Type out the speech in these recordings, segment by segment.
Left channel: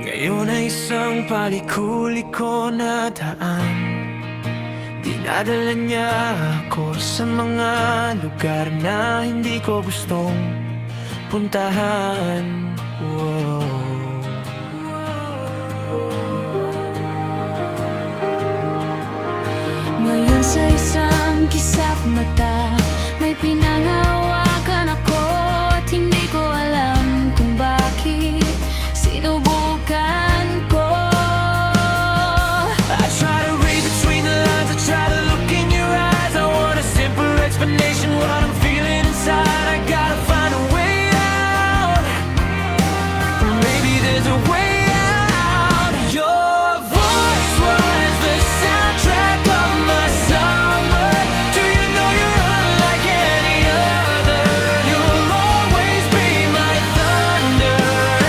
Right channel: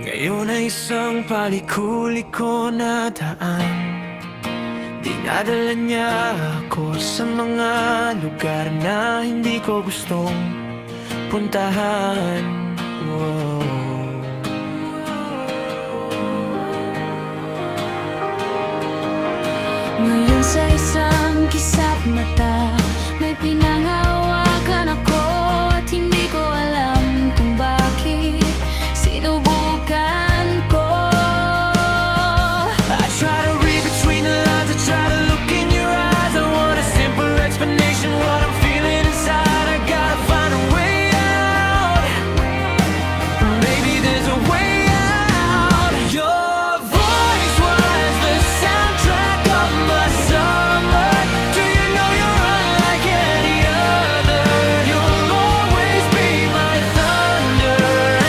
Ngayon ay isang paliko-liko na daan. Dinadala niya ako sa mga lugar na hindi ko gustong puntahan. Wow. Ngayon sa isang kisap mata, may pinanghawakan ako at hindi ko alam kung bakit sinubukan ko. I try to read between the lines, I try to look in your eyes. I want a simple explanation what I'm feeling inside. I gotta find a way out. Maybe there's a way out. Your voice was the soundtrack of my summer. Do you know you're unlike any other? You'll always be my thunder.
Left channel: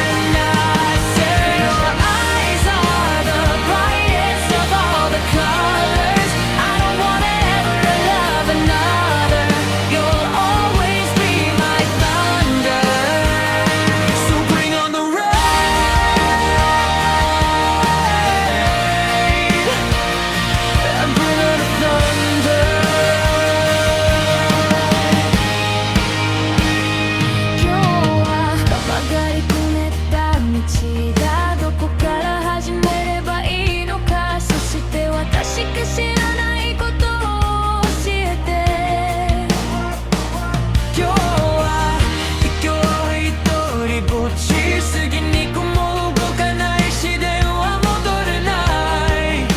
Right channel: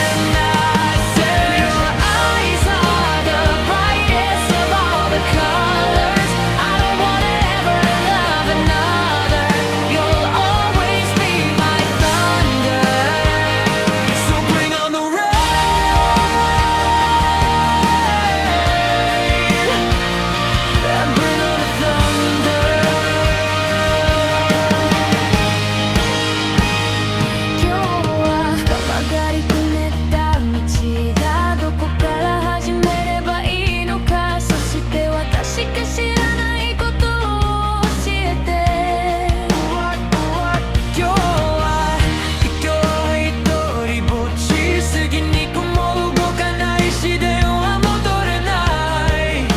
And I say your eyes are the brightest of all the colors. I don't wanna ever love another. You'll always be my thunder. So bring on the rain and bring on the thunder. Kyowa kamagari kuneta michi da doko kara hajimereba ii no ka, soshite watashi ga shiranai koto o oshiete. 今日は一人ぼっちすぎにこも動かないし電話も取れない。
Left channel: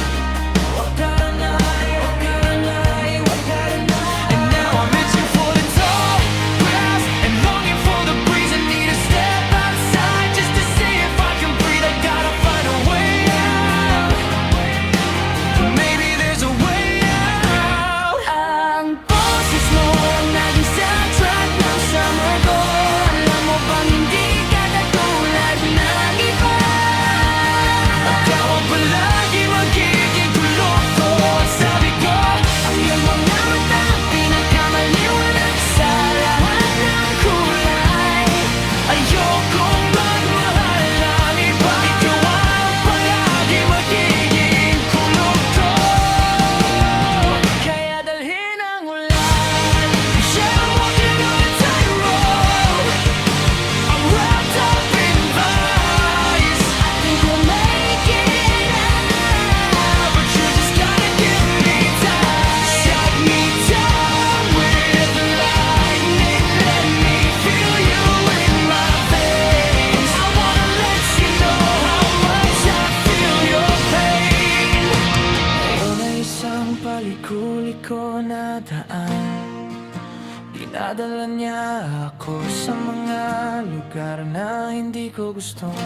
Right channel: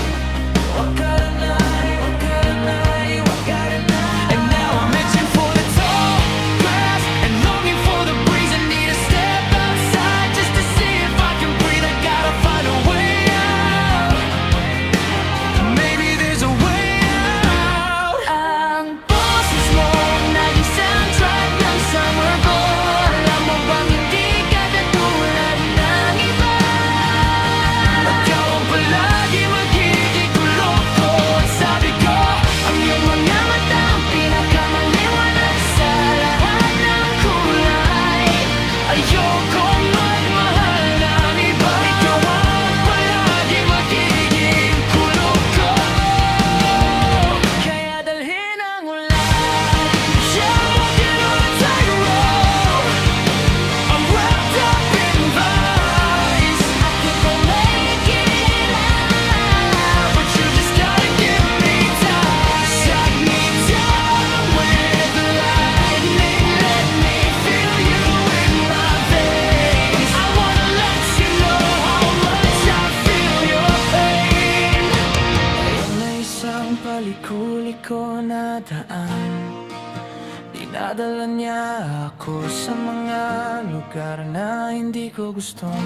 わからないわからないわからない。 And now I'm itching for the tall grass and longing for the breeze. I need to step outside just to see if I can breathe. I gotta find a way out. Maybe there's a way out. Ang boses mo ang naging soundtrack ng summer ko. Alam mo bang hindi ka katulad ng iba? Ikaw ang palagi magiging kulog ko. At sabi ko, Ang iyong mga mata ang pinakamaliwanag sa lahat ng kulay. ayokong magmahal ng iba. Ikaw ang palagi magiging kulog ko. Kaya dalhin ang ulan. Yeah, I'm walking on a tightrope. I'm wrapped up in vines. I think we'll make it out. But you just gotta give me time. Shut me down with lightning. Let me feel you in my veins. I wanna let you know how much I feel your pain. Ngayon ay isang paliko-liko na daan. Dinadala niya ako sa mga lugar na hindi ko gustong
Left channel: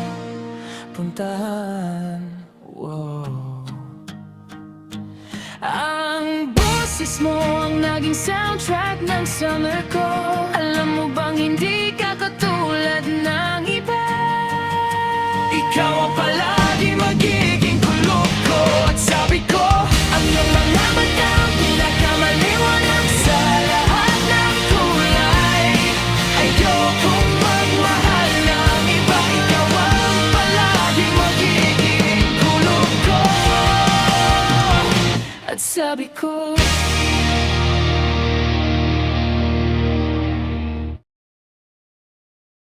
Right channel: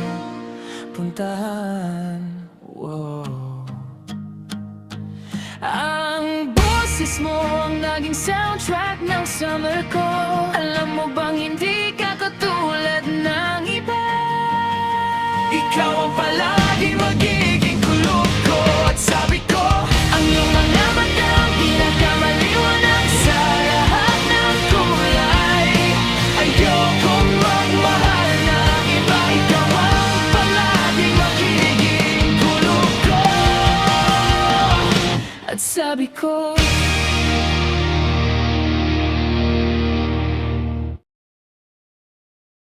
puntahan. Wow. Ang boses mo ang naging soundtrack ng summer ko. Alam mo bang hindi ka katulad ng iba? Ikaw ang palagi magiging kulog ko. At sabi ko, Ang iyong mga mata ang pinakamaliwanag sa lahat ng kulay. ayokong magmahal ng iba. Ikaw ang palaging magiging kulog ko. At sabi ko,